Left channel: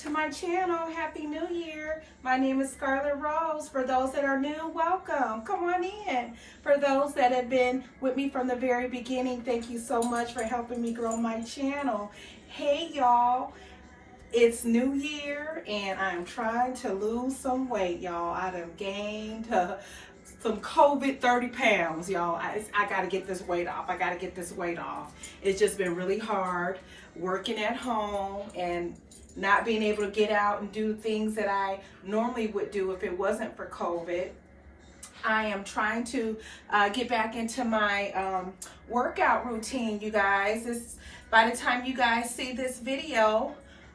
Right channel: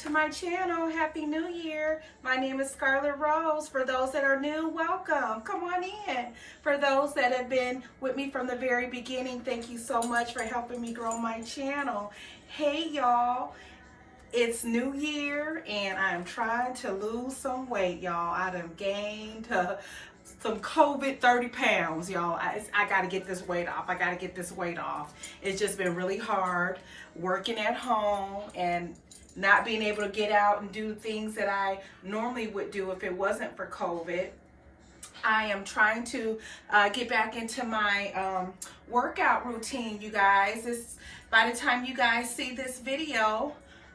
to my channel. Happy New Year. My name is Scarlett Rose. For those that are new, welcome. Come on in. For those that have been with me from the very beginning, thank you so much for helping me grow my channel. Hey y'all, it's New Year and I'm trying to lose some weight, y'all. I done gained some COVID 30 pounds, y'all. I got to get this weight off. I got to get this weight off. It's just been really hard working at home and not being able to get out and do things that I normally would do if it wasn't for COVID. I am trying to get back into my workout routine, you guys. By the time you guys see this video,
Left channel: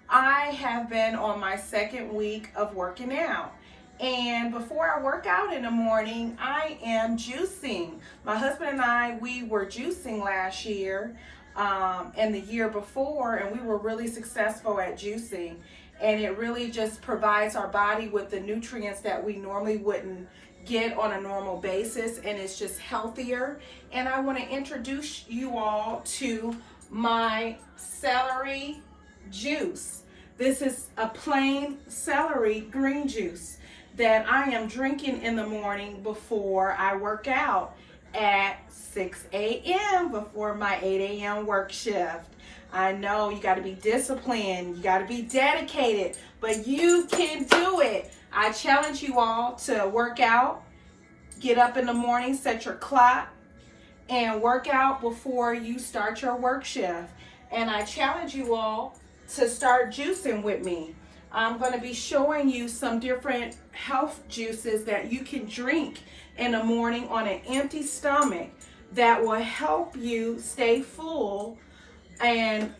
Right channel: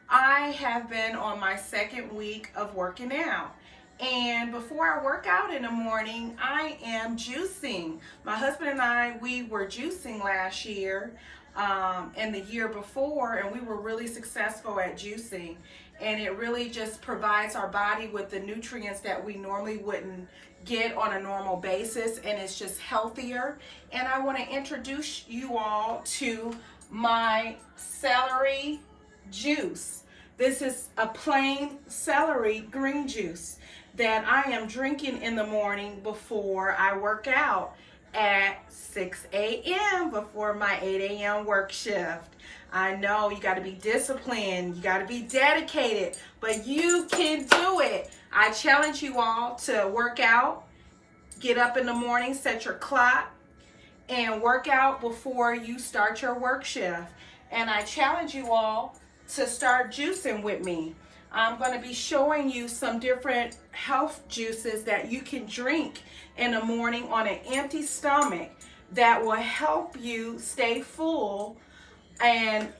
I have been on my second week of working out. And before I work out in the morning, I am juicing. My husband and I, we were juicing last year and the year before, and we were really successful at juicing. And it really just provides our body with the nutrients that we normally wouldn't get on a normal basis, and it's just healthier. And I want to introduce you all to my celery juice. This is a plain celery green juice that I am drinking in the morning before I work out at 6 a.m. before my 8 a.m. work shift. I know you got to be disciplined, you got to be dedicated, but you can do it. I challenge you all to work out, get up in the morning, set your clock, and work out before you start your work shift. And I challenge you all to start juicing with me. I'm going to be showing you some different health juices that you can drink in the morning on an empty stomach that will help you stay full. And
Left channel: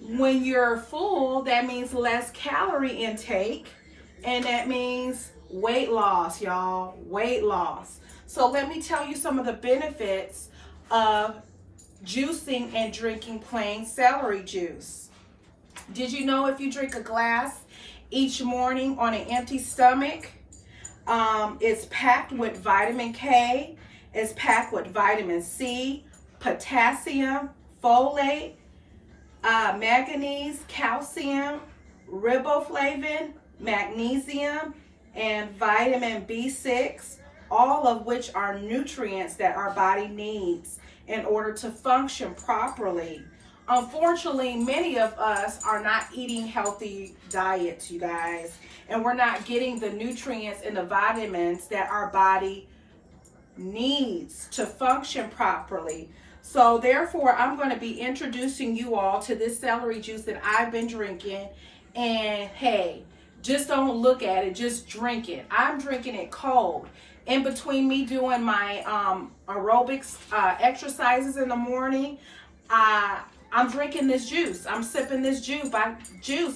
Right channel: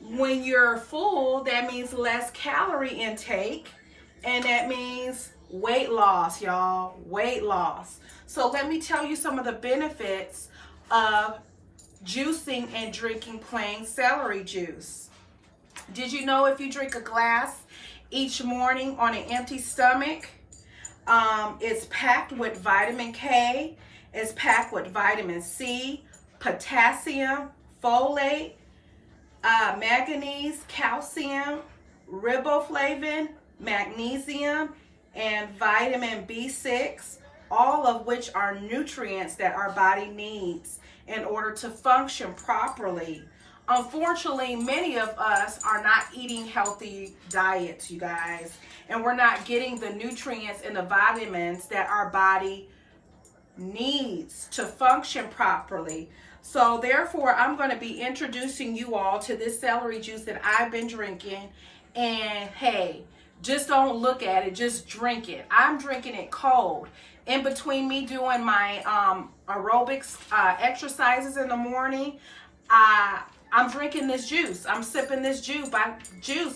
when you're full, that means less calorie intake, and that means weight loss, y'all, weight loss. So let me tell you some of the benefits of juicing and drinking plain celery juice. Did you know if you drink a glass each morning on an empty stomach, it's packed with vitamin K, it's packed with vitamin C, potassium, folate, manganese, calcium, riboflavin, magnesium, and vitamin B6, all of which are nutrients that our body needs in order to function properly. Unfortunately, many of us are not eating healthy diets, you guys, and we're not getting the nutrients and the vitamins that our body needs to function properly. So therefore, I'm going to be introducing you all to this celery juice that I've been drinking. And hey, just don't look at it, just drink it. I'm drinking it cold. In between me doing my aerobics exercises in the morning, I'm drinking this juice. I'm sipping this juice.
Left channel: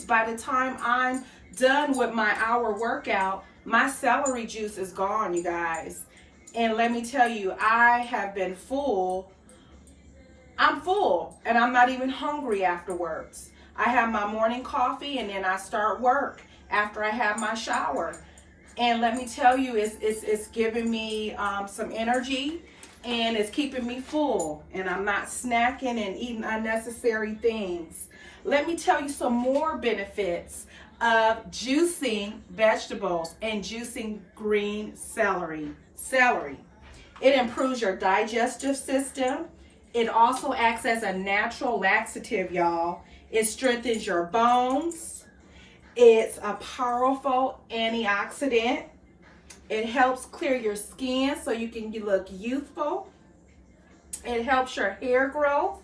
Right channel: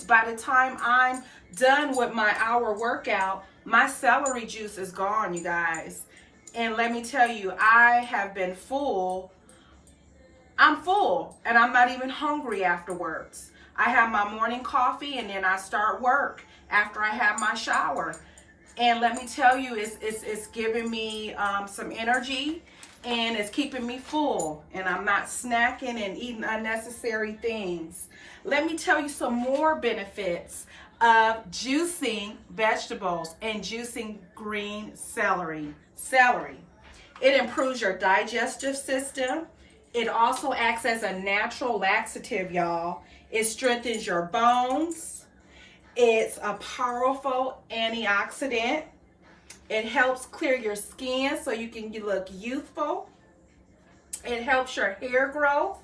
By the time I'm done with my hour workout, my celery juice is gone, you guys. And let me tell you, I have been full. I'm full, and I'm not even hungry afterwards. I have my morning coffee, and then I start work after I have my shower. And let me tell you, it's giving me some energy, and it's keeping me full, and I'm not snacking and eating unnecessary things. Let me tell you some more benefits of juicing vegetables and juicing green celery. It improves your digestive system. It also acts as a natural laxative, y'all. It strengthens your bones. It's a powerful antioxidant. It helps clear your skin so you can look youthful. It helps your hair growth.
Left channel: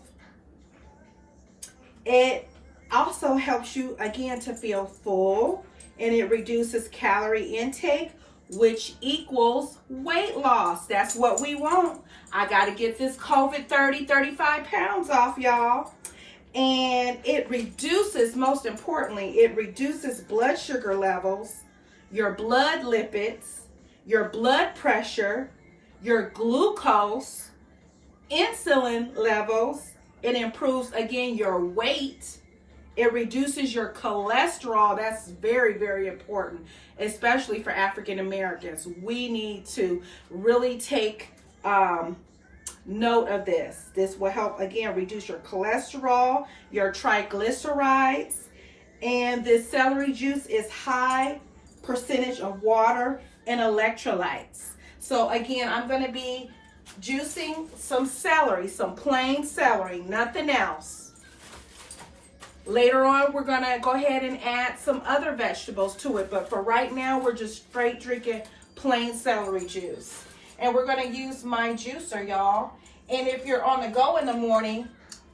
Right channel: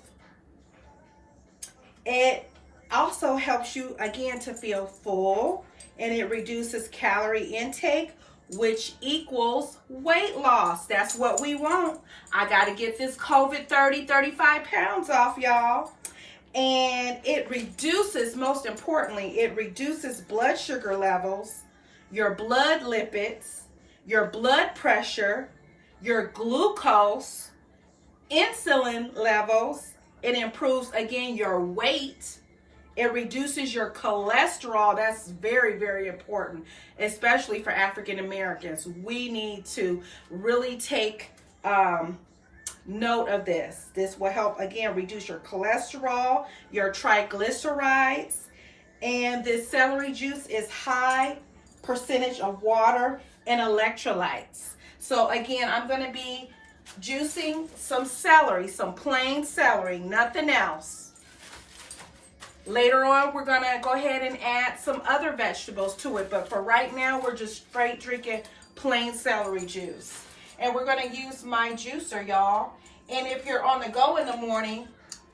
It also helps you, again, to feel full. And it reduces calorie intake, which equals weight loss. That's what we want. I got to get this COVID 30, 35 pounds off, y'all. And it reduces, most importantly, it reduces blood sugar levels, your blood lipids, your blood pressure, your glucose, insulin levels. It improves, again, your weight. It reduces your cholesterol. That's very, very important, especially for African Americans. We need to really take note of this. This will help, again, reduce your cholesterol, your triglycerides. And this celery juice is high percentage of water and electrolytes. So again, I'm going to be juicing some celery, some plain celery, nothing else. Later on, we're going to go ahead and add some other vegetables to it. But for right now, we're just straight drinking plain celery juice. And we're going to use my juicer, y'all. And if you're on the go in the morning,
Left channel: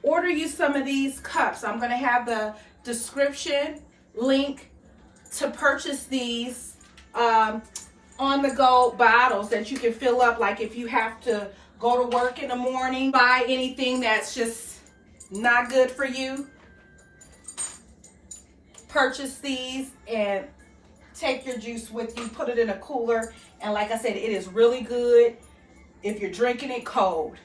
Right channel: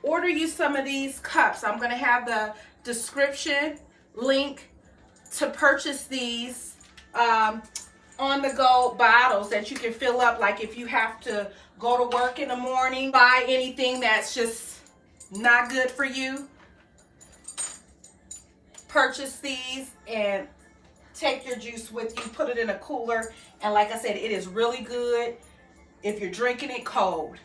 order you some of these cups. I'm going to have the description link to purchase these on-the-go bottles that you can fill up, like if you have to go to work in the morning, buy anything that's just not good for you. Purchase these and take your juice with you, put it in a cooler, and like I said, it is really good if you're drinking it cold.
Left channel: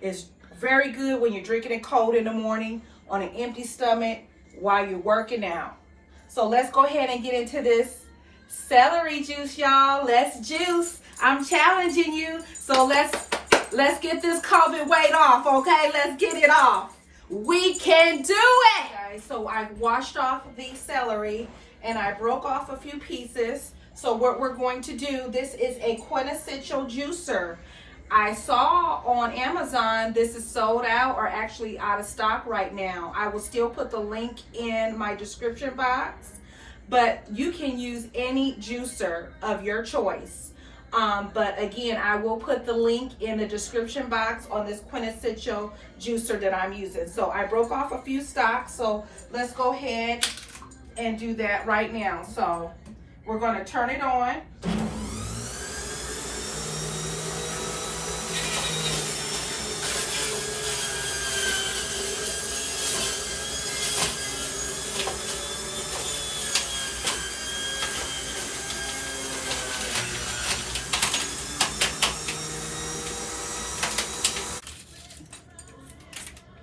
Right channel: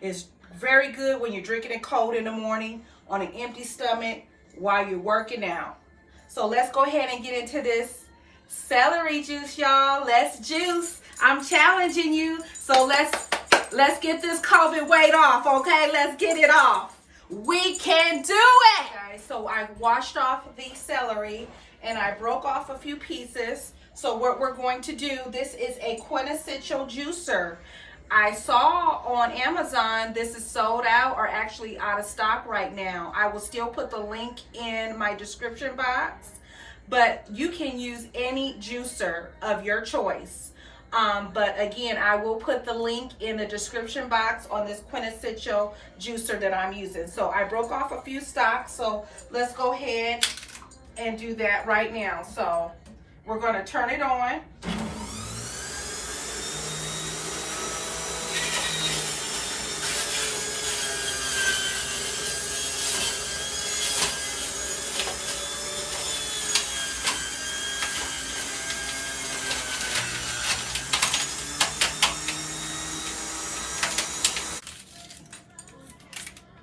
It's very good when you're drinking it cold in the morning on an empty stomach while you're working out. So let's go ahead and get into this celery juice, y'all. Let's juice. I'm challenging you. So let's get this COVID weight off, okay? Let's get it off. We can do it. Guys, so I washed off the celery and I broke off a few pieces. So what we're going to do, this is a quintessential juicer. I saw on Amazon this is sold out or actually out of stock right now. I will still put the link in my description box, but you can use any juicer of your choice. But again, I will put the link in the description box on this quintessential juicer that I'm using. So I broke off a few stalks, so let's go ahead and do that right now. So we're going to turn it on.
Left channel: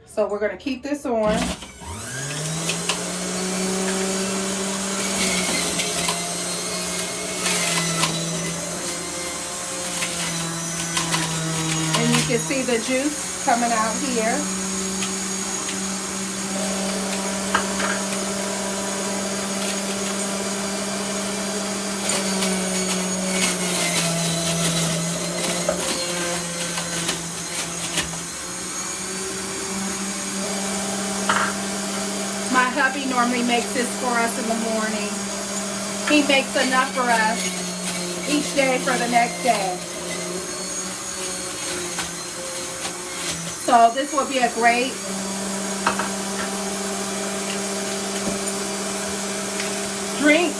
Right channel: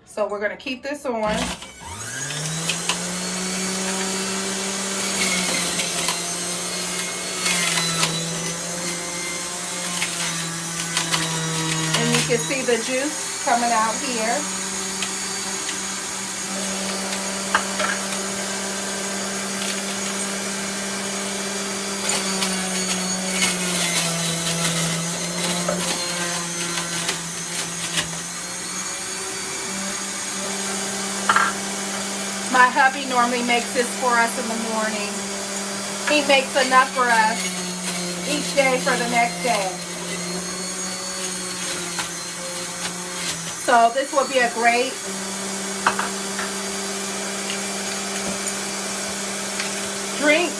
So we're going to keep this on. And you can see the juice coming out here. My hubby normally makes this for us in the morning. He makes enough for us each day for the next day. So this will be a great drink.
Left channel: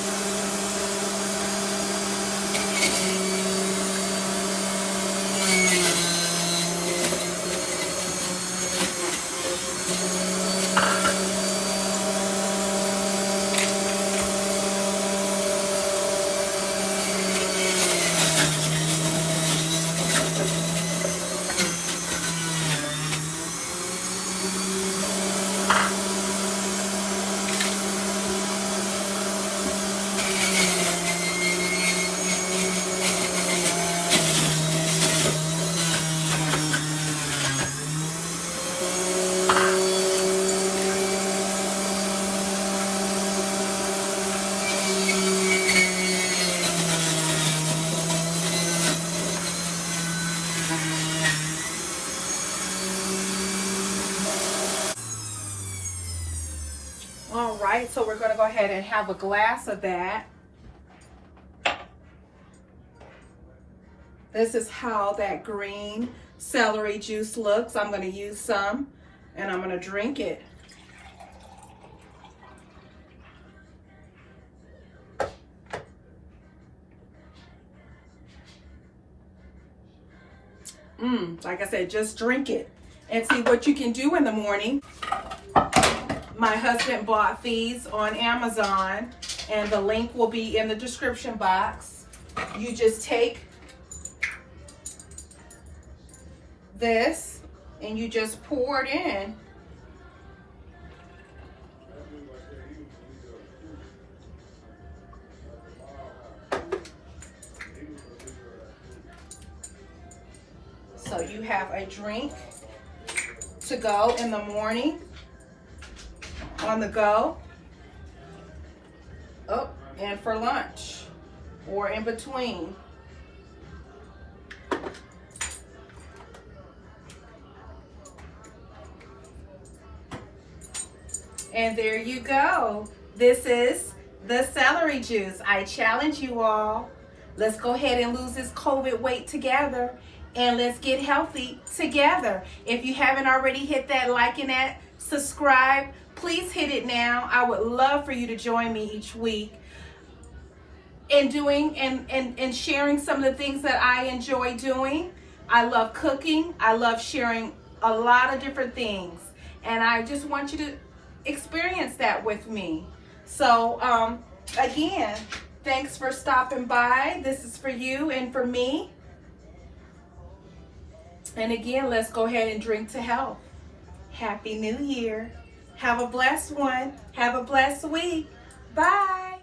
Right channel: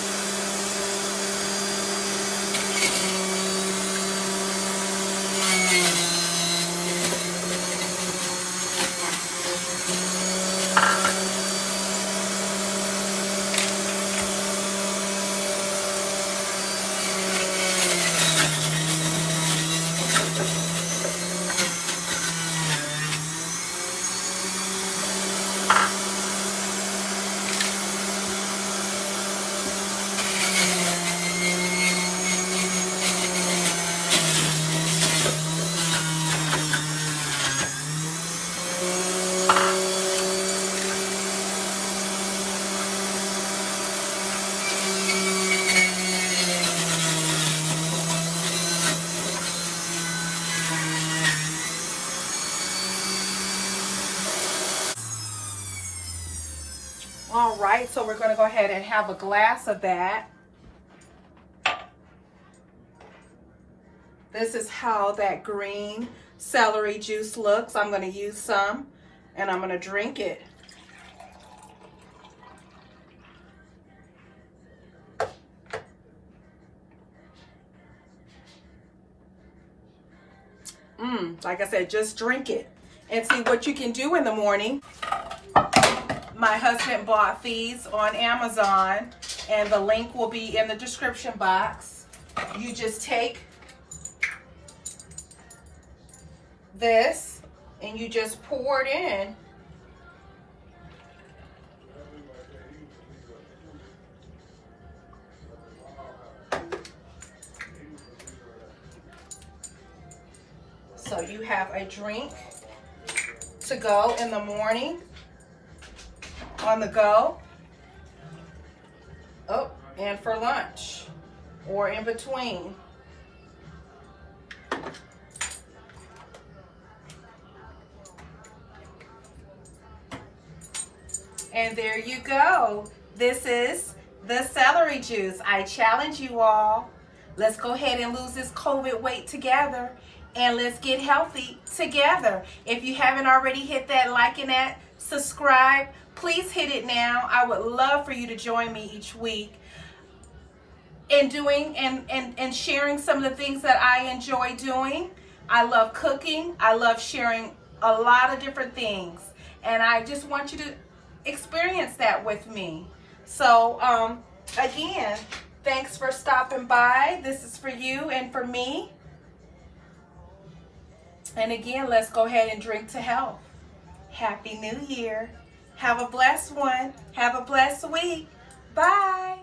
All right, so we're going to go ahead and have a glass of that. This is how that green celery juice looks. I'm going to use some and I'm going to drink it. Like I said, just drink it and see what you can do in the morning. My husband bought these on Amazon and the link will be in the description box. You just take this and you just pour it in. So you have a drink to go in the morning on the go. Oh, and for lunch or in between. And there you go. This is the celery juice. I challenge you all. Let's go ahead and lose this COVID weight together, and let's get healthy together. If you haven't already hit that like and that subscribe, please hit it now. I would love for you to join me each week in doing and sharing some of the things that I enjoy doing. I love cooking. I love sharing a lot of different things, and I just want you to experience that with me. So again, thanks for stopping by. This is for you and for me. And again, let's go ahead and drink to health. Happy New Year. Have a blessed one. Have a blessed week. Bye.